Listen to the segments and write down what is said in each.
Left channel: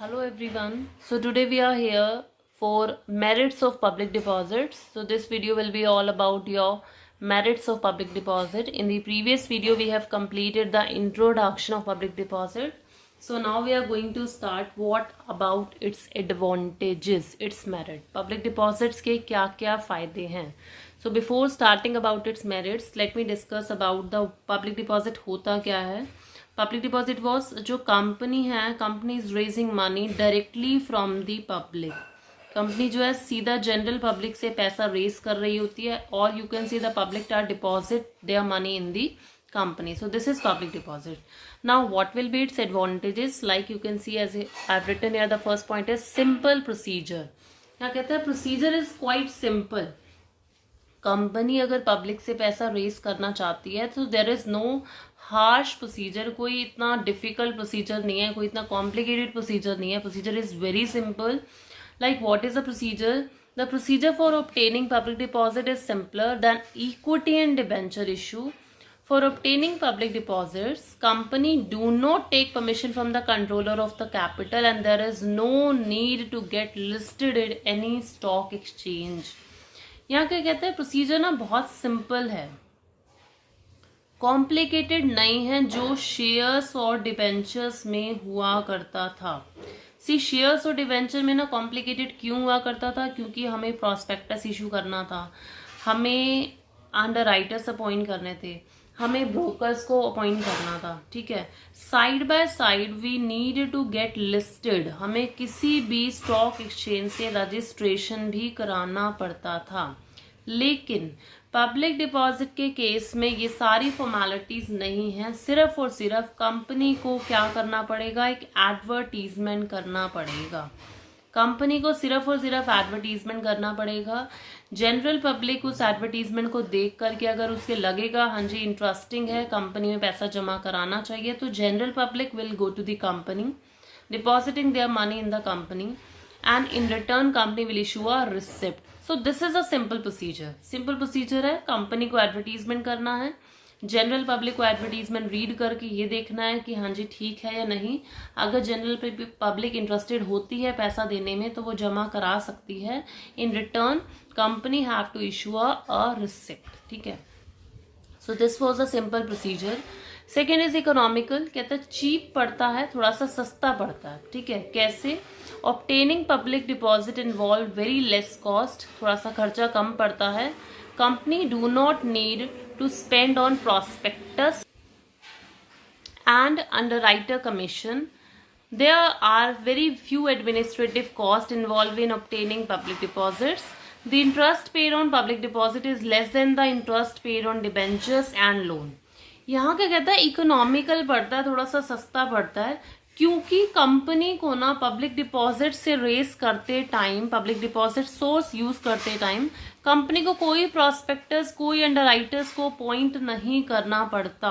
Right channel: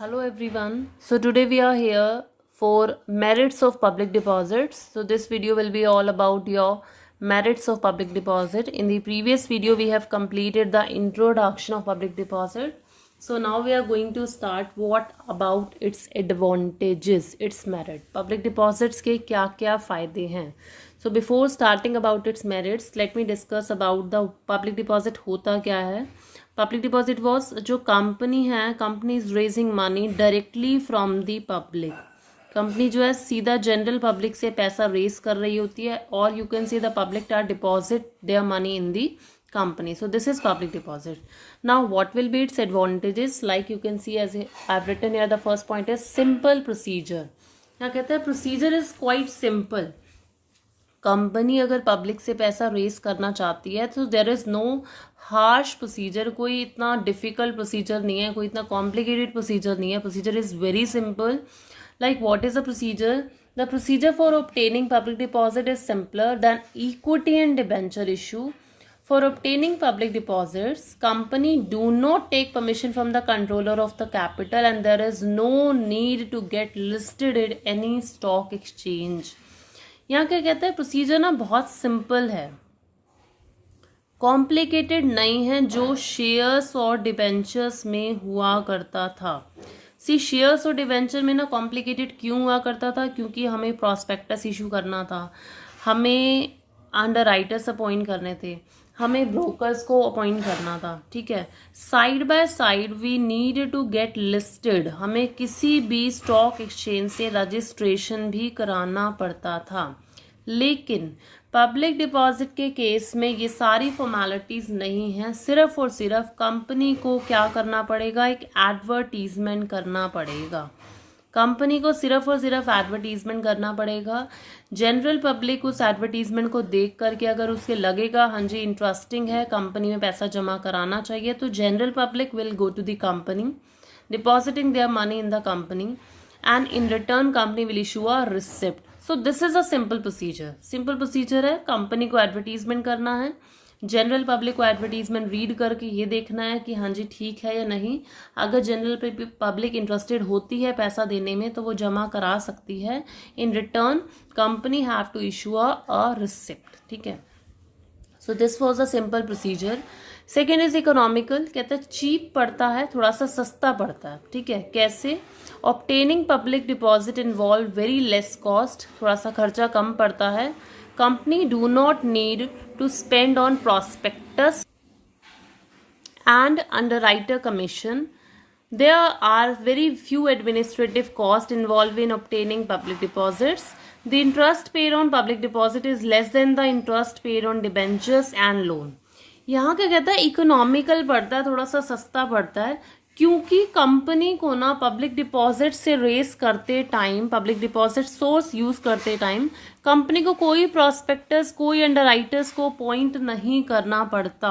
Hello everyone. So today we are here for merits of public deposits. So this video will be all about your merits of public deposit. In the previous video we have completed the introduction of public deposit. So now we are going to start what about its advantages, its merit. Public deposits के क्या-क्या फायदे हैं. So before starting about its merits, let me discuss about the public deposit होता क्या है. Public deposit was जो company है, company is raising money directly from the public. Company जो है सीधा जनरल पब्लिक से पैसा रेज कर रही होती है और you can see the public are deposit their money in the company. So this is public deposit. Now what will be its advantages? Like you can see as I have written here the first point is simple procedure. क्या कहते हैं? Procedure is quite simple. Company अगर public से पैसा raise करना चाहती है तो there is no harsh procedure. कोई इतना डिफिकल्ट प्रोसीजर नहीं है, कोई इतना कॉम्प्लिकेटेड प्रोसीजर नहीं है. Procedure is very simple. Like what is the procedure? The procedure for obtaining public deposit is simpler than equity and debenture issue. For obtaining public deposits, company do not take permission from the controller of the capital and there is no need to get listed in any stock exchange. यहाँ क्या कहते हैं? Procedure ना बहुत simple है, complicated नहीं है जो शेयर्स और डिबेंचर्स में हुआ करता था. शेयर्स और डिबेंचर में ना कॉम्प्लिकेटेड क्यों हुआ करता था? क्योंकि हमें प्रॉस्पेक्टस इशू करना था, हमें अंडर राइटर्स अपॉइंट करने थे, हमें ब्रोकर्स को अपॉइंट करना था. ठीक है. Side by side we need to get listed. हमें किसी भी स्टॉक एक्सचेंज से रजिस्ट्रेशन भी कराना पड़ता था. लेकिन पब्लिक डिपॉजिट के केस में ये सारी फॉर्मेलिटीज नहीं है. सिर्फ और सिर्फ कंपनी को क्या करना पड़ेगा? एक एडवर्टीजमेंट करना पड़ेगा. कंपनी को सिर्फ और सिर्फ एडवर्टीजमेंट करना पड़ेगा. जनरल पब्लिक उस एडवर्टीजमेंट को देख करके अगर उसके लगेगा हाँ जी इंटरेस्टिंग है, कंपनी में पैसा जमा कराना चाहिए, तो general public will go to the company depositing their money in the company and in return company will issue a receipt. So this is a simple procedure. Simple procedure है. Company को advertisement करना है, general public को advertisement read करके ये देखना है कि हाँ जी ठीक है या नहीं. अगर जनरल पब्लिक इंटरेस्टेड होती है पैसा देने में तो वो जमा करा सकती है. In return company have to issue a receipt. ठीक है. So this was a simple procedure. Second is economical. कहते हैं चीप पड़ता है, थोड़ा सा सस्ता पड़ता है. ठीक है. कैसे? Obtaining public deposit involve very less cost. थोड़ा सा खर्चा कम पड़ता है. Company do not need to spend on prospectus and underwriter commission. There are very few administrative costs involved in obtaining public deposits. The interest paid on public deposit is less than the interest paid on debentures and loan. यहाँ क्या कहता है? Economical पड़ता है, थोड़ा सा सस्ता पड़ता है, क्योंकि कंपनी को ना पब्लिक डिपॉजिट से रेस करते time, public deposit source use करते टाइम कंपनी को कोई प्रोस्पेक्टस, कोई अंडरराइटर्स को अपॉइंट नहीं करना पड़ता.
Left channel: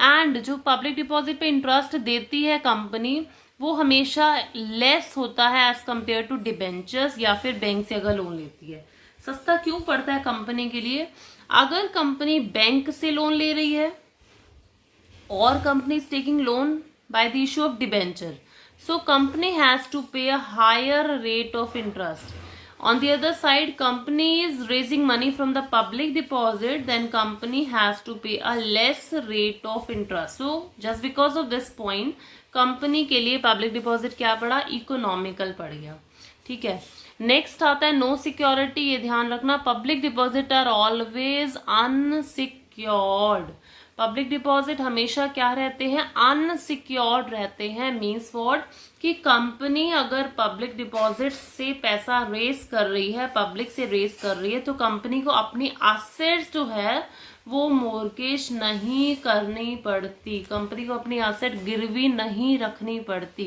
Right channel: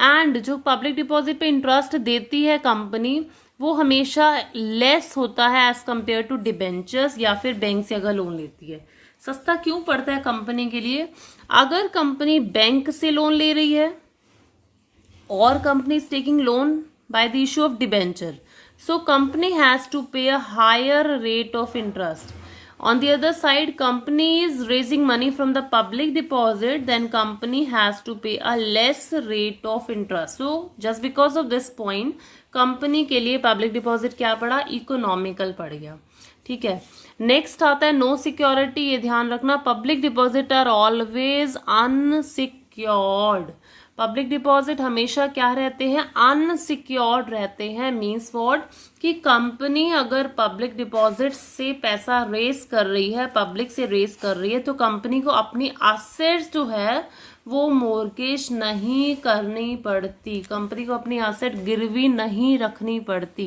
एंड जो पब्लिक डिपॉजिट पे इंटरेस्ट देती है कंपनी वो हमेशा लेस होता है एज कंपेयर टू डिबेंचर्स या फिर बैंक से अगर लोन लेती है. सस्ता क्यों पड़ता है कंपनी के लिए? अगर कंपनी बैंक से लोन ले रही है और company is taking loan by the issue of debenture, so company has to pay a higher rate of interest. On the other side, company is raising money from the public deposit, then company has to pay a less rate of interest. So just because of this point, company के लिए public deposit क्या पड़ा? Economical पड़ गया. ठीक है. Next आता है नो सिक्योरिटी. ये ध्यान रखना, public deposit are always unsecured. Public deposit हमेशा क्या रहते हैं? अनसिक्योर्ड रहते हैं. Means what? कि कंपनी अगर पब्लिक डिपॉजिट से पैसा रेस कर रही है, पब्लिक से रेस कर रही है, तो कंपनी को अपनी एसेट्स जो है वो मोर्गेज नहीं करनी पड़ती. कंपनी को अपनी एसेट गिरवी नहीं रखनी पड़ती,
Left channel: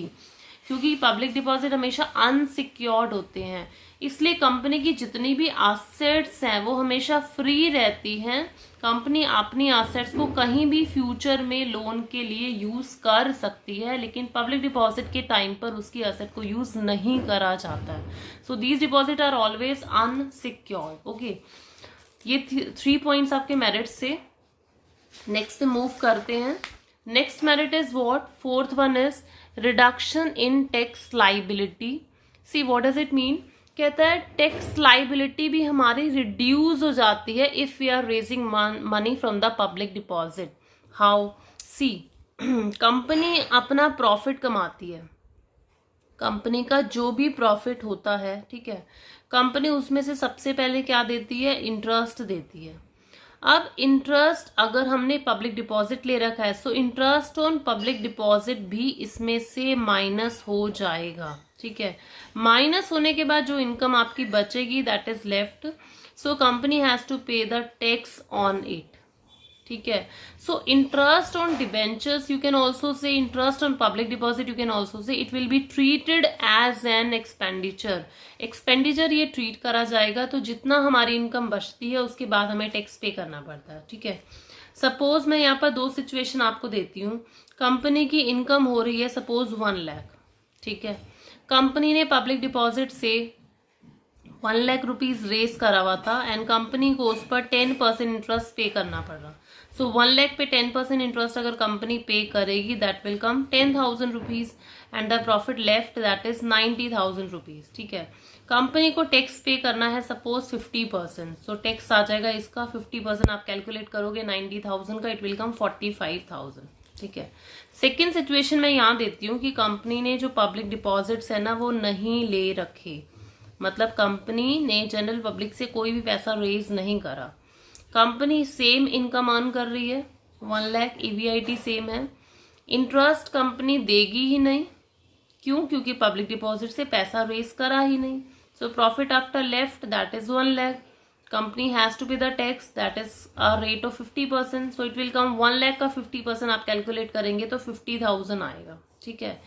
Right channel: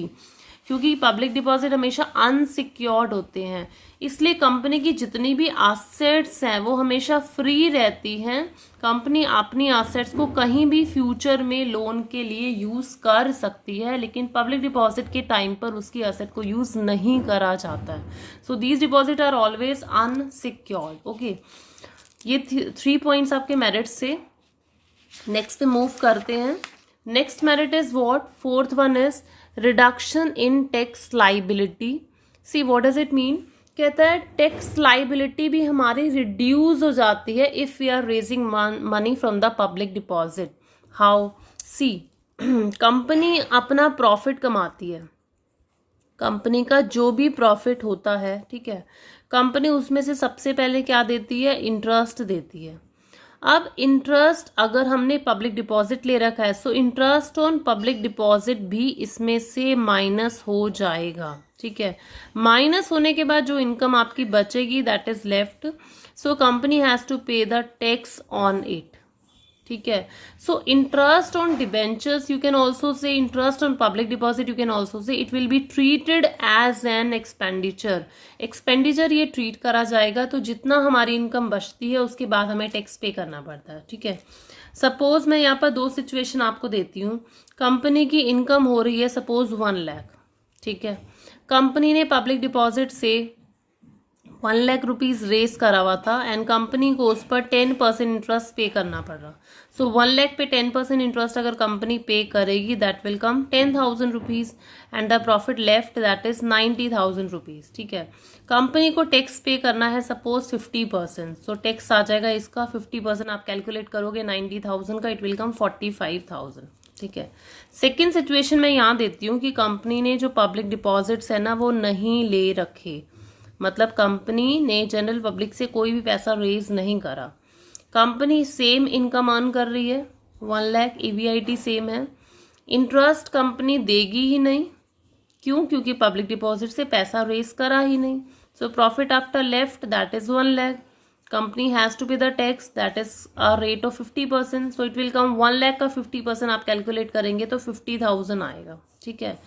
क्योंकि पब्लिक डिपॉजिट हमेशा अनसिक्योर्ड होते हैं. इसलिए कंपनी की जितनी भी एसेट्स हैं वो हमेशा फ्री रहती हैं. कंपनी अपनी एसेट्स को कहीं भी फ्यूचर में लोन के लिए यूज कर सकती है, लेकिन पब्लिक डिपॉजिट के टाइम पर उसकी एसेट को यूज नहीं करा जाता है. So these deposit are always unsecured. Okay, ये 3 पॉइंट्स आपके मेरिट्स से. नेक्स्ट पे मूव करते हैं. Next merit is what? Fourth one is reduction in tax liability. See what does it mean? कहता है टैक्स लाइबिलिटी भी हमारी रिड्यूस हो जाती है if we are raising money from the public deposit. How? See, company अपना profit कमाती है, कंपनी का जो भी प्रॉफिट होता है, ठीक है, कंपनी उसमें से सबसे पहले क्या देती है? इंटरेस्ट देती है। अब इंटरेस्ट अगर हमने पब्लिक डिपॉजिट ले रखा है, so interest on public deposit भी इसमें से माइनस हो जाएगा, ठीक है। माइनस होने के बाद जो इनकम आपकी बचेगी, that is left, so company has to pay the tax on it, ठीक है। So interest on debentures, you can also say interest on public deposit, you can also say it will be treated as an expenditure. Expenditure ये ट्रीट करा जाएगा, तो जितना हमारी income बचती है उसके बाद हमें टैक्स पे करना पड़ता है, ठीक है। सपोज मैं यहाँ पर दो सिचुएशन आपको देती हूँ। कंपनी की इनकम हो रही है सपोज 1 लाख, ठीक है। कंपनी ने पब्लिक डिपॉजिट से 1 लाख रुपीज रेस करा हुआ था एंड कंपनी को उस पर 10% इंटरेस्ट पे करना पड़ रहा। सो 1 लाख पे 10% इंटरेस्ट अगर कंपनी पे करेगी, that will come 10,000 rupees and the profit left that is 90,000 rupees, ठीक है। कंपनी को टैक्स पे करना है सपोज 50%, सो टैक्स आ जाएगा इसका 50%, आप कैलकुलेट करोगे 90,000 का, इट विल कम 45,000, ठीक है। सेकेंड सिचुएशन में यहाँ देती हूँ कि कंपनी ने जो पब्लिक डिपॉजिट्स है ना वो नहीं ले रखे, मतलब कंपनी ने जनरल पब्लिक से कोई भी पैसा रेज नहीं करा, कंपनी सेम इनकम अर्न कर रही है, 1 लाख EBIT सेम है, इंटरेस्ट कंपनी देगी ही नहीं, क्यों? क्योंकि पब्लिक डिपॉजिट से पैसा रेज करा ही नहीं। So profit after left that is 1 lakh, company has to pay the tax that is a rate of 50%, so it will come 1 lakh का 50% आप कैलकुलेट करेंगे तो 50,000 आएगा, ठीक है।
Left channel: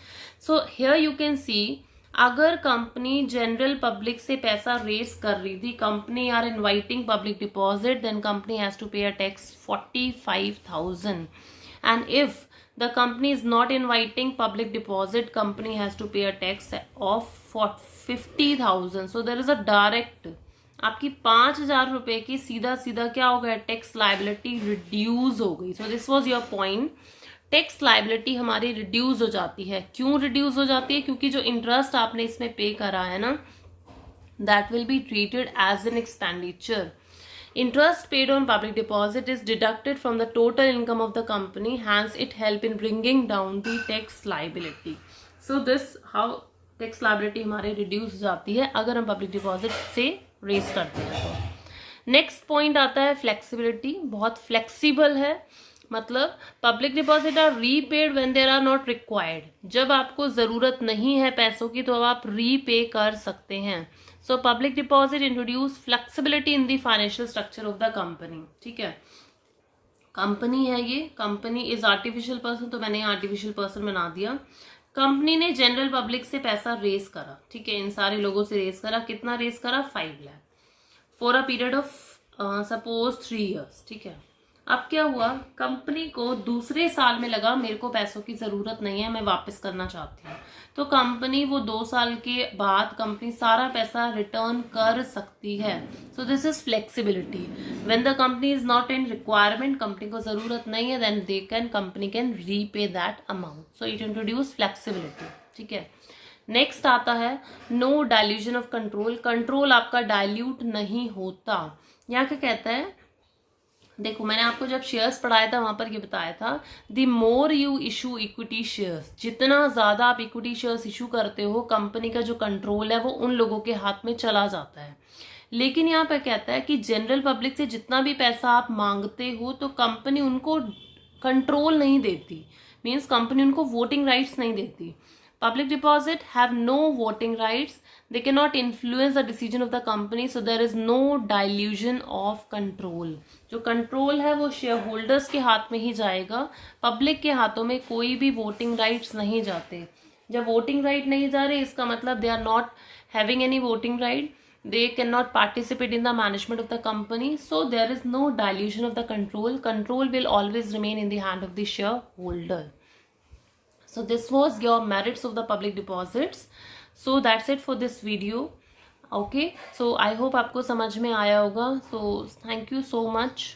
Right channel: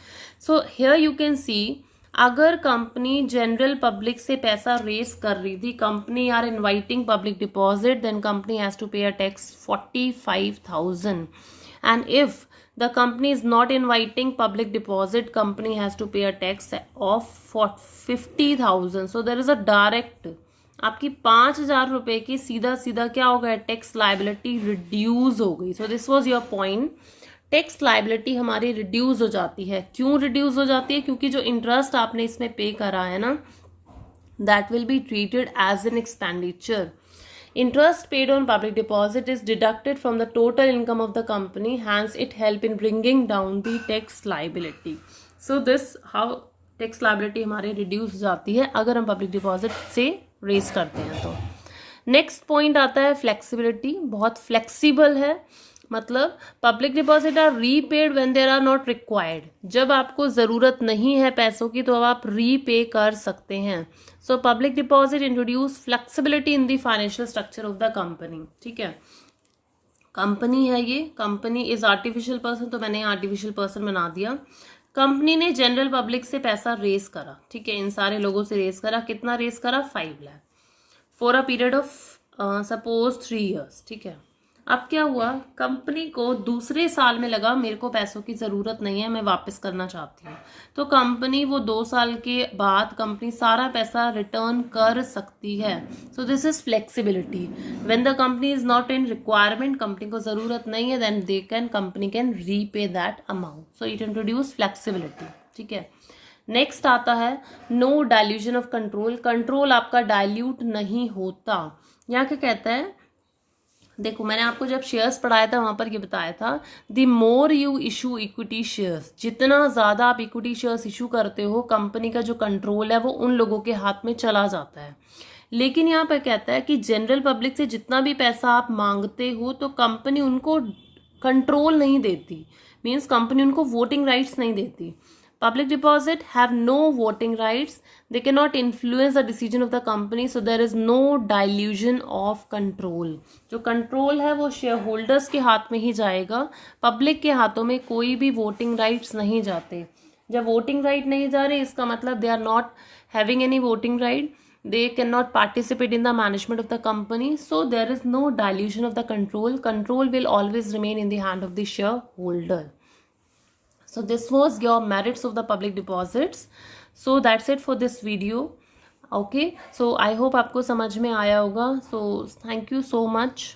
सो हियर यू कैन सी, अगर कंपनी जनरल पब्लिक से पैसा रेस कर रही थी, company are inviting public deposit, then company has to pay a tax 45,000 and if the company is not inviting public deposit, company has to pay a tax of 50,000. so there is a direct, आपकी 5,000 रुपए की सीधा सीधा क्या हो गया? Tax liability reduce हो गई। सो this was your point, tax liability हमारी रिड्यूस हो जाती है। क्यों रिड्यूस हो जाती है? क्योंकि जो इंटरेस्ट आपने इसमें पे करा है ना, that will be treated as an expenditure. Interest paid on public deposit is deducted from the total income of the company, hence it help in bringing down the tax liability. So this how tax liability हमारे reduce हो जाती है अगर हम public deposit से raise करते हैं तो। Next point आता है flexibility, बहुत flexible है, मतलब public deposit are repaid when there are not required, जब आपको जरूरत नहीं है पैसों की तो अब आप रीपे कर सकते हैं। So public deposit introduce flexibility in the financial structure of the company, ठीक है। कंपनी है ये, कंपनी इज आर्टिफिशियल पर्सन, तो मैंने आर्टिफिशियल पर्सन बना दिया। कंपनी ने जनरल पब्लिक से पैसा रेस करा, ठीक है, इन सारे लोगों से रेस करा। कितना रेस करा? 5 lakh for a period of suppose 3 years, ठीक है। अब क्या हुआ? कंपनी को दूसरे साल में लगा मेरे को पैसों की जरूरत नहीं है, मैं वापस करना चाहती हूँ, तो कंपनी वो 2 साल के बाद कंपनी सारा पैसा रिटर्न कर सकती है। So this is flexibility. When the company is not in requirement, company को जरूरत नहीं है, then company can repay that amount. So it introduce flexibility, ठीक है। नेक्स्ट आता है no dilution of control, control आपका डाइल्यूट नहीं होता। यहाँ क्या कहता है? देखो मैंने आपको जब शेयर्स पढ़ाया था वहां पर ये बताया था, the more you issue equity shares, जितना ज्यादा आप इक्विटी शेयर्स इशू करते हो, कंपनी का जो कंट्रोल है वो उन लोगों के हाथ में चला जाता है। लेकिन यहाँ पर कहता है कि जनरल पब्लिक से जितना भी पैसा आप मांगते हो तो कंपनी उनको कंट्रोल नहीं देती, मीन्स कंपनी उनको वोटिंग राइट्स नहीं देती। Public deposit have no voting rights. They cannot influence the decision of the company. So there is no dilution of control. जो कंट्रोल है वो शेयर होल्डर्स के हाथ में ही जाएगा, पब्लिक के हाथों में कोई भी वोटिंग राइट्स नहीं जाते। जब वोटिंग राइट नहीं जा रहे, इसका मतलब they are not having any voting right, they cannot participate in the management of the company. So there is no dilution of the control. Control will always remain in the hand of the shareholder. So this was your merits of the public deposits. So that's it for this video. Okay, so I hope आपको समझ में आया होगा. So thank you so much.